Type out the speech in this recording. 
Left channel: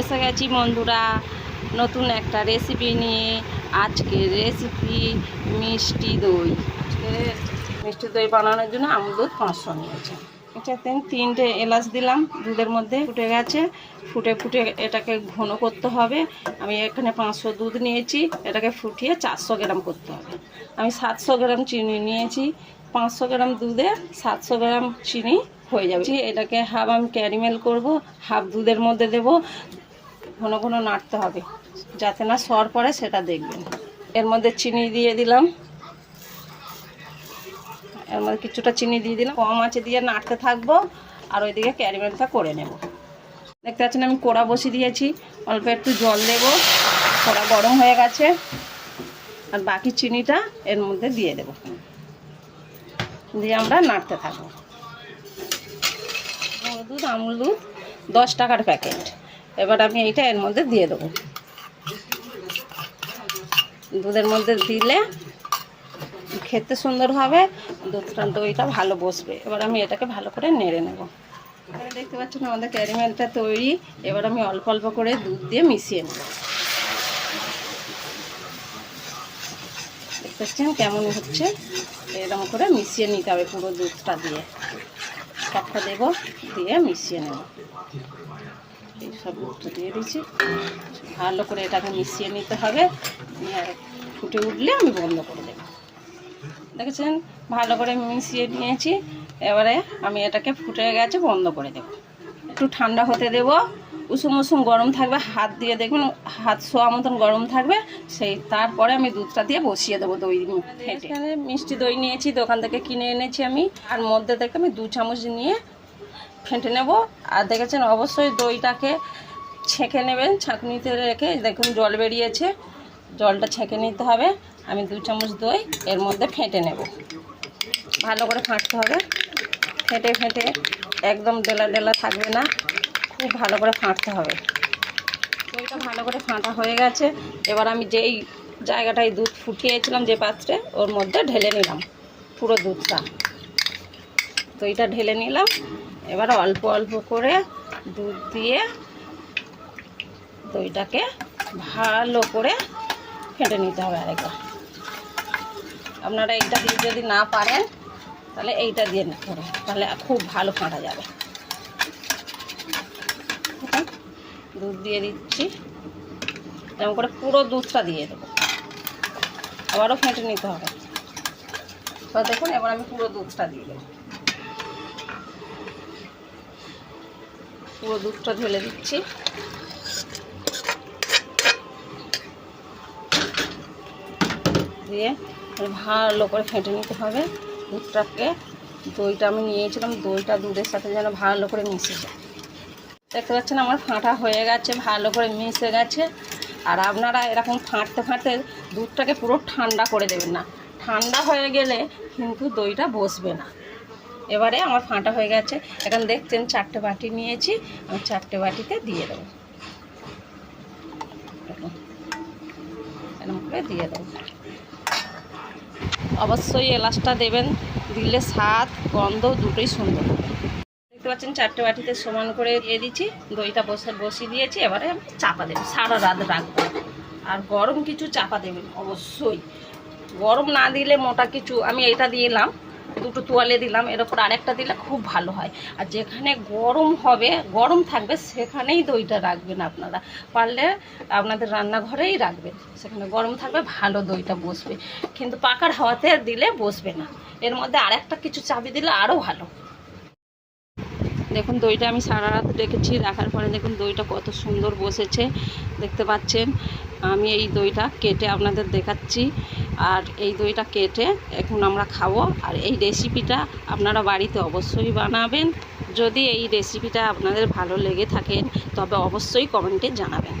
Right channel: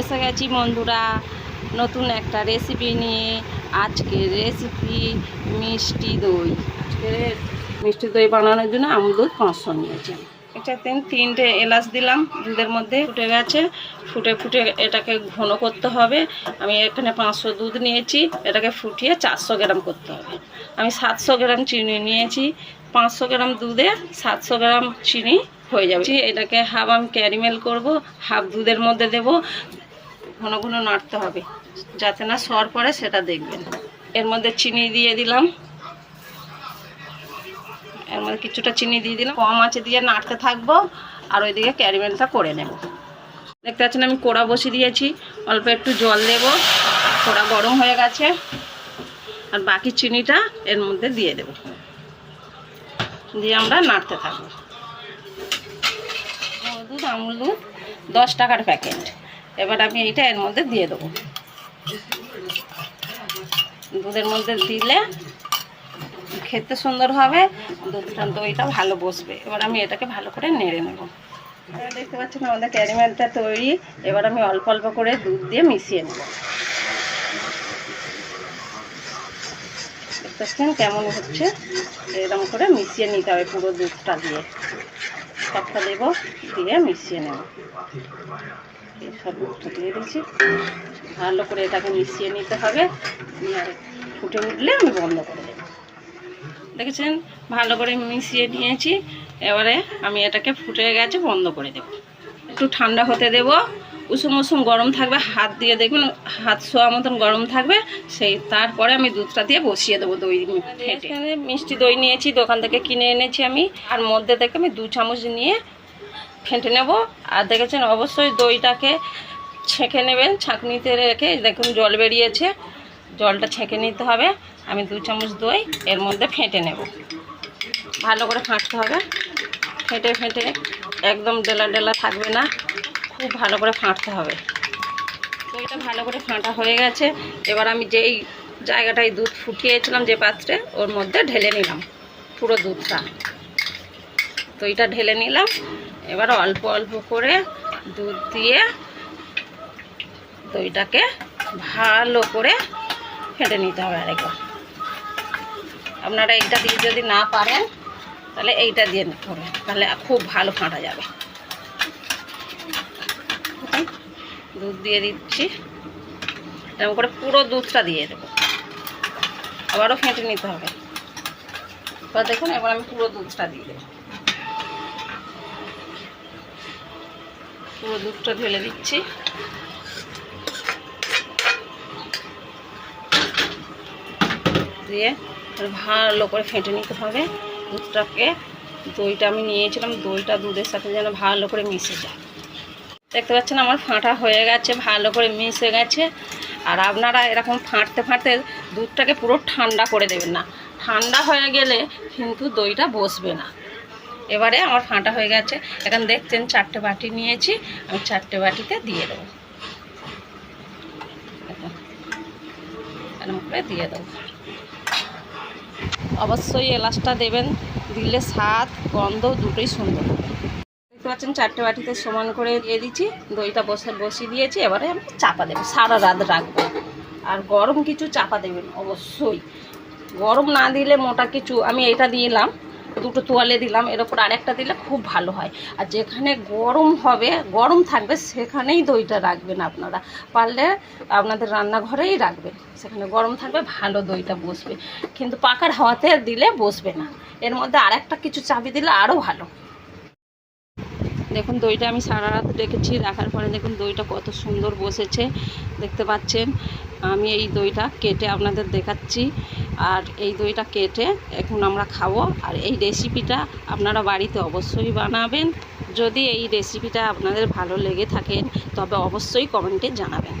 এসে গেছি বন্ধুরা, নতুন একটা রেসিপি নিয়ে আজকে রেসিপি মিষ্টি দই। মিষ্টি দই বানানোর জন্য আমি দুধ পাঁচশো নিয়েছি। এটা তিন তিনটে এলাচ দিলাম, দুধের মধ্যে ফুটে গেছে। ফুটে ফুটে এটাকে ঘন করতে হবে। আমি এখানে পাঁচশো দুধ নিয়েছি, এটাকে ফুটিয়ে চারশো গ্রাম করতে হবে। আমি সাতশো গ্রাম চিনি নিয়েছি, পাঁচশো গ্রাম দুধে সাতশো গ্রাম চিনি হয়ে যাবে। এটাকে হাফ আমি ক্যারিমেল করব, হাফ দুধের মধ্যে দেব। ঘন ঘন নাড়তে হবে, যাতে না সর পড়ে সেটা দেখবেন। এর মধ্যে চিনি দিয়ে দিলাম। এর মধ্যে কিছুটা চিনি দিয়ে দিলাম। কম আছে দিয়ে নাড়তে থাকব, আর ওইদিকে ক্যারিমেলটা করে নেব। দেখতে পাচ্ছেন আমি কোড়া বসিয়ে দিয়েছি। অল্প একটু জল দেব। কোড়া গরম হয়ে গেছে। আর বাকি চিনিটা এর মধ্যে দিয়ে দেব। দিয়ে আমরা নাড়তে থাকব। দুধ আমুল দুধ দশ টাকার প্যাকেট। এবার আমি এইটা এর মধ্যে দিয়ে দেবো। দুধের মধ্যে দিলে খেতে সুন্দর হবে, দুধটা দইটা ভালো বসবে। এবার আমি এটাকে ভালো করে নেড়ে নেব। এবার দেখতে পাচ্ছেন আমাদের ক্যারিমেলটা তৈরি। এবার আমি অল্প অল্প করে দুধ দিয়ে মিশিয়ে নেব। দেখতে পাচ্ছেন কেমন হচ্ছে? এরকম করে মিশিয়ে নিতে হবে পুরো দুধটা দিয়ে। সবটা দেবো, দিয়ে মিশিয়ে নেব। এই সব দিয়ে দিচ্ছি ভালো করে এটাকে মিশিয়ে নিতে হবে। আর ফুটে উঠলে আমি বন্ধ করে দেবো। দেখেছেন? ভালো করে মিশিয়ে নিয়েছি। এবারে আমি এটাকে ফুটে গেছে বন্ধ করে দেব। একটু ঠান্ডা হতে দেব। উষুম উষুম গরম থাকবে। হাত দিয়ে দেখবেন হাত শোয়া মতন গরম থাকবে। সেই তারপরে আমি দুধটা দিয়ে বসিয়ে দেবো দই এখানে মিষ্টি দই নিয়েছি দোকান থেকে কিনে এনেছি আমি। আর মধ্যে থেকে আমি দু চামচ নিয়ে ফেটে নেব। আর দেখেছেন, অবশ্যই দইটাকে ছেঁকে নেবেন, ছাঁকনিতে রেখে, দেখুন জল বেরিয়েছে। জলটা ছেঁকে নিতে হবে। আমি দু চামচ দই এর মধ্যে ফেটে নেব। ভালো করে ফাঁটতে হবে। ফেটে ফেটে একদম ডেলা ডেলা থাকবে না। খুব ভালো করে ফাঁটতে হবে। দইটা ভালো করে ফাঁটা হয়ে গেছে। এবার আমি যেই জায়গাটায় দুধ ফুটিয়েছিলাম, যে পাত্রে, ওর মধ্যে ঢেলে নিলাম। পুরো দুধটা। দইটা ঢেলে নিলাম। এবার অল্প অল্প করে দুধ দিয়ে দইটাকে ভালো করে ফেটে নিতে হবে আরেকবার। আপনারা এইটা দিয়ে যদি না পারেন, তাহলে এইটা দিয়ে করবেন তাহলে খুব ভালো ফাঁটা যাবে। দুধ দিয়ে দিচ্ছি। এরকম করে পুরো দুধটা দিয়ে দেবো। আবারও ফেটে নিতে হবে। এবার দেখুন, এবার আমি পুরো দুধটা দিয়ে দেবো। পুরো দুধটা ঢেলে দিচ্ছি। দিয়ে ভালো করে ফেটে নিতে হবে। দুধটাকে, দইটা আমি নিয়েছিলাম, দইটা দুধের সাথে যেন ভালো করে মিশে যায়। দেখতে পাচ্ছেন আমার ফাঁটা হয়ে গেছে, ভালো করে মিশে গেছে। আর আপনারা এরকম ফাঁটতে ফাঁটতে দুধটাকে পুরো ঠান্ডা করে দেবেন না। ঠান্ডা হয়ে গেলে কিন্তু দইটা বসবে না। এবারে আমার ফাঁটা হয়ে গেছে। এখন দেখছেন চারটে বাটি নিয়েছি, আমি চারটে বাটিতে দিয়ে দেবো। করে দিয়ে দেবো। অবশ্যই এলাচটা দেবেন, দিলে স্বাদ, গন্ধ দুটোই সুন্দর দেখতে পাচ্ছেন চারটে বাটিতে সমান করে দিয়ে দিচ্ছি, দইটা বসে, বসিয়ে দিয়েছি, এবারে আমি চাপা দেবো, সারা রাত রাখব। আর গরম কিছু চাপা দেবেন, অবশ্যই। গরম না দিলে মোটা কিছু, আমি এটা দিলাম দুটো তোয়ালে দিলাম, এর ওপর আরেকটা দিলে খুব ভালো হয়। আর যেখানে গরম হবে, গরম থাকবে, সেখানেই দইটা রাখবেন আপনারা। পারলে আপনাদের রান্নাঘরেই রাখবেন। সেখানে গরম থাকবে, ভালো দইটা বসবে। কিন্তু পাকার হাওয়াতে দিলে বসবে না। এর মধ্যে আরেকটা কিছু চাবি দিলে আরও ভালো। দেখুন, দইটা আমি সারা রাত রেখেছি। রাখার পরে দেখুন, দইটা কত সুন্দর বসেছে। দেখতে পাচ্ছেন? আমি এই দইটা কেটে আপনাদের দেখাচ্ছি। আর এই দইটা কেটে এখন আমরা খাব। আর এই রেসিপিটা আপনারা বাড়িতে অবশ্যই বানাবেন। যদি এই রেসিপিটা আপনাদের ভালো লেগে থাকেন তবে অবশ্যই কমেন্টে জানাবেন।